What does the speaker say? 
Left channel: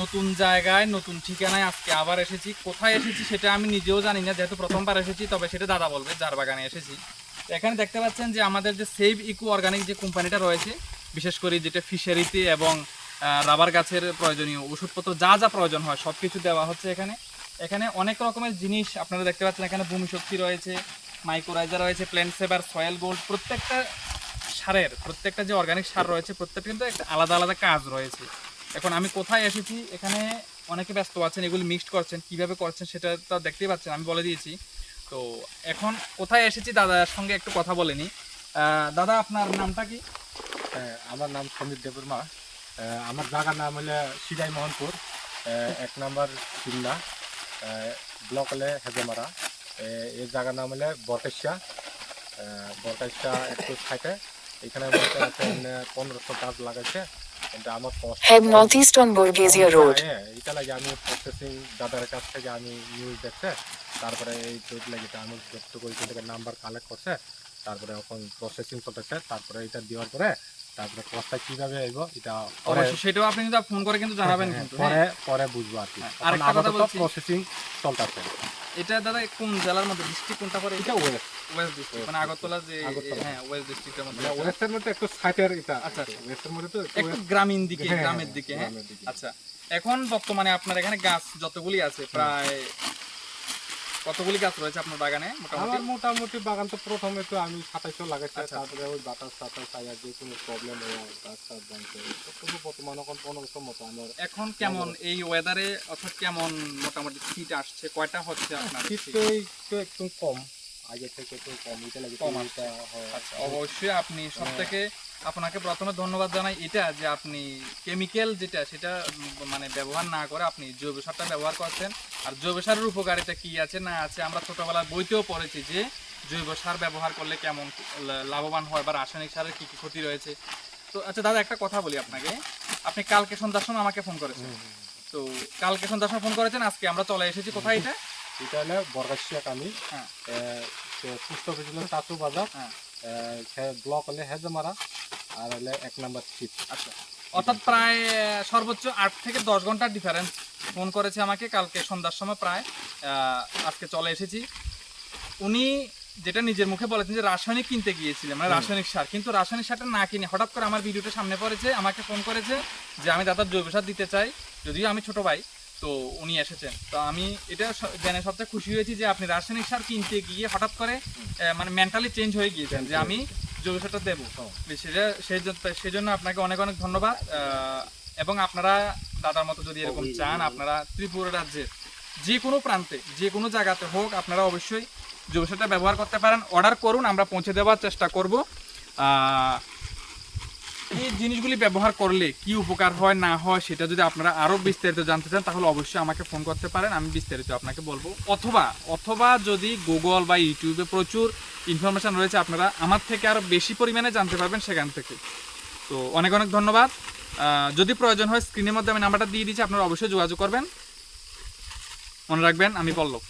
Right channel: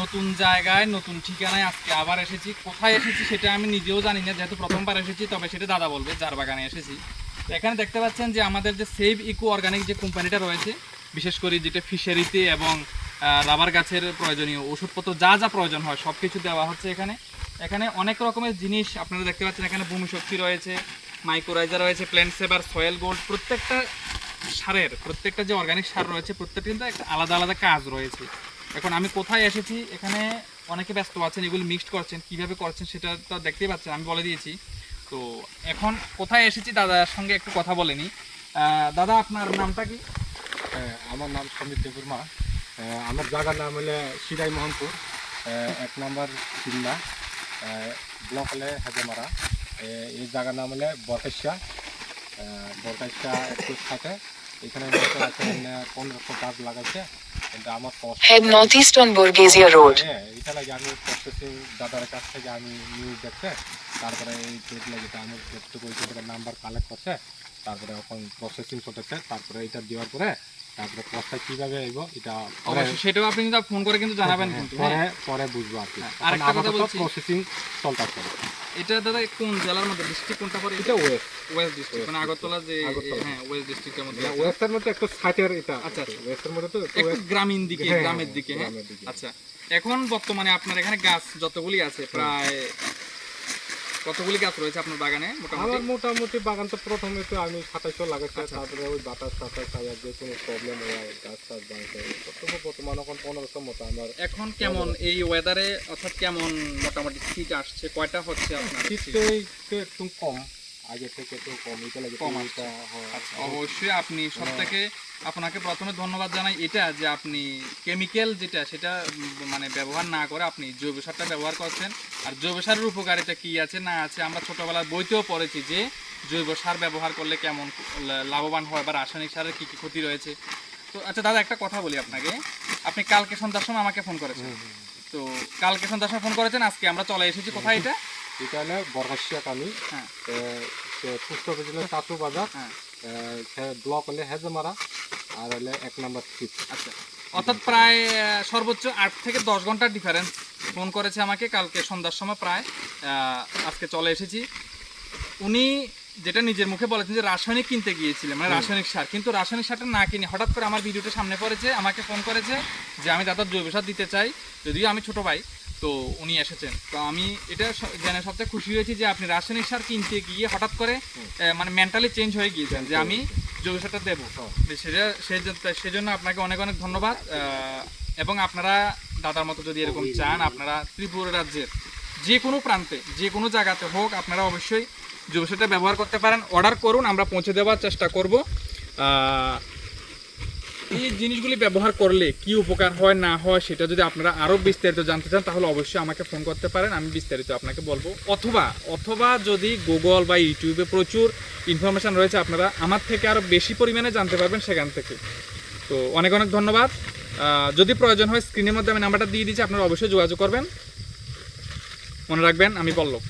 নতুন জায়গায় নতুন ঠিকানায় আজকে আবার এসেছি। কোথায় এসেছি সেটা আমি নিজেও জানি না, যেহেতু প্রথমবার এসেছি। তবে সেটা দাদা বলবে যার বাগানে এসেছি। এখানে দেখতে পাচ্ছেন যে আমাদের যে সেভ ইকো অর্গানিক যে কোম্পানিটা রয়েছে, বিশেষ করে যেটা ফিশারিতে এবং রাবার গাছের প্রয়োজনীয় ওষুধপত্র যা যা প্রয়োজন হয় সব কিছু দেওয়া হচ্ছে এখানে। এখানে অনেক রকমের জিনিস আপনারা দেখতে পাচ্ছেন। এখানে ভূমি শক্তি রয়েছে, মাইক্রোরাইজার রয়েছে, প্ল্যান্ট সেভার, সয়েল গোল্ড। প্রত্যেকটা যে অর্গানিক সার রয়েছে প্রত্যেকটা কিন্তু একটা আলাদা আলাদা কাজ রয়েছে। এখন আমি কোথায় এসেছি, এখানে অনেকে ব্যস্ত আছেন, এগুলো মিক্সড করছেন, কীভাবে করছেন সেটা তো দেখতেই পাচ্ছেন, আমি বলে দিয়েছি। তো এখন কোথায় এসেছি দাদার সঙ্গে একটু কথা বলে নিই। দাদা আপনার নামটা কি? আমার নাম সমীর দেববর্মা। আমার জায়গার নাম হলো সিরাই মোহনপুর, 1 নম্বর সিমনা, ব্লক হলে হেজেমারা। এই জায়গার নাম হলে বটেশা। বটেশা একটু থাকে, এখানে 1500 গাছ লাগাইছে। কিন্তু আমার Head northeast on Borghezia Road. হ্যাঁ, এইটা লাগে আমি প্রসেসিং দাদার কাছ থেকে আমি নিউজ দেখছে, তারপরে এই পেজ লাগে আমি যতটুকু ওইখান থেকে নাম্বার কালেক্ট করছে, তারপরে এখন প্রসেসিং চলতেছে। তারপরে এটা দেওয়ার পরে তারপরে কষ্টটা কীভাবে আইব এটা পরে, সেটাও আপনি কিন্তু ফোন করে কিন্তু জানাবেন কিন্তু। পরে বুঝবো আর কি। আরেকটা কথা বলছি, প্রসেসিং চলতেছে। এটা দাদা কোন জেলার মধ্যে, ডিস্ট্রিক্ট কোনটা পড়ে? এটা ওয়েস্ট ডিস্ট্রিক্ট, মানে আগরতলা যে, হ্যাঁ ওয়েস্ট ডিস্ট্রিক্টের মধ্যে। ওয়েস্টের মধ্যে একটু সাইটের এটা। আচ্ছা, ওয়েস্টের মধ্যে তো একটু গ্রামীণ দিকে, হ্যাঁ, গ্রামের দিকে। হ্যাঁ, গ্রামের দিকে। আচ্ছা, এখন বর্তমানে আপনার এখানে গাছ যতগুলি আছে, প্রায় কতগুলি গাছ রয়েছে আপনার বাগানে আমার মোটামুটি বাগান তো প্রথমে তো আমি 2700 লাগাইছি। আচ্ছা। তারপরে ওই বাতাস আর যে কোনো প্রবলেম হয় গাছ টাছ ভাঙছে, বর্তমানে এখন 1500 মতো আমার। এখন কেমন এই ওয়েদারে, অর্থাৎ কেমন মোটামুটি শীত আসছে, কয়টা হচ্ছে আপনার? শীতে একটু কম, আগে থেকে একটু কম, এটা লাগে কম এটা হয়। আচ্ছা, অবশ্যই আপনি সব থেকে আপনাকে প্রথমে ধন্যবাদ জানাই এটা যে আপনি কেমিক্যাল যেটা সেটা মানে ব্যবহার না করে আপনি জৈব সারটা ব্যবহার করছেন। আর জৈব সারের উপকারিতা কি আছে না আছে আমরা ছোটবেলার বইতেও পড়েছি যে জৈব সার ব্যবহার করলে কেমন লাভবান হয় বা রাসায়নিক সারের কী কী ক্ষতি রয়েছে। তো আচ্ছা দাদা, একটা কথা বলি আপনাকে, আপনি কালকে সন্ধ্যার সময় আমাকে ফোন করেছেন। তো কালকে সন্ধ্যার সময় ফোন করেছেন, আজকে আমরা চলে এসেছি কোথায়? এটা হলো বরগাছিয়া কানি, হ্যাঁ, পুষ্ট উপজেলার চাচু বাজার, ব্লক হলে হেজেমারা, আর হলে 1 নম্বর সিট। আচ্ছা, অর্থাৎ প্রায় সর্বোচ্চ 8 থেকে 10 ঘন্টার ডিফারেন্স। ফোন করেছে আমাকে কালকে সন্ধ্যার সময়, প্রায় আজকে চলে এসেছি। উনি যেটা নিজের মুখে বলেছেন যে রাসায়নিক কিনতে গিয়েছিলেন, মানে রাসায়নিক সার, কিন্তু রাসায়নিক সারটা না কিনে হঠাৎ করে আমার ভিডিওটা সামনে পড়েছে, আমাকে ফোন করেছে যে আমি দাদার জৈব সার দিতে চাই, যদিও আমি ছোট ভাই। তো উনি এসেছেন, তো আমি এটা জেনে সবচেয়ে খুশি হয়েছি যে আপনি রাসায়নিক সার কিনতে গিয়ে হঠাৎ করে মানে মেন্টালি চেঞ্জ হয়ে গিয়েছেন যে আমি জৈব সারটা দেবো। সেই জন্য আপনাকে অনেক অনেক ধন্যবাদ। এবং আপনারা দাদার মতো যদি এরকম চান, আপনারা ত্রিপুরা রাজ্যের যে কোনো প্রান্তে যে কোনো জায়গাতে হোক, আপনারা অবশ্যই জৈব সারটা ব্যবহার করতে পারেন। অর্ডার করুন, আমরা পৌঁছে দেওয়ার চেষ্টা করব। এই জিনিসগুলি ব্যবহার করলে কি উপকার হয় না হয় সেটা যদি আপনারা আরও বিস্তারিত জানতে চান তাহলে অবশ্যই আমাকে ফোন করতে পারেন, আমি বিস্তারিত আপনাকে বলবো। অথবা যদি গুগল বা ইউটিউবে প্রচুর ইনফরমেশান রয়েছে, আপনারা আমার থেকে আরও বেশি পরিমাণে জানতে পারবেন সেখান থেকে। তো অনেক অনেক ধন্যবাদ। যদি প্রয়োজন হয় স্ক্রিনের মধ্যে আমি নাম্বারটা দিয়ে দিচ্ছি, আপনারা অবশ্যই যোগাযোগ করবেন। মনে রাখবেন, আমি পল্লব।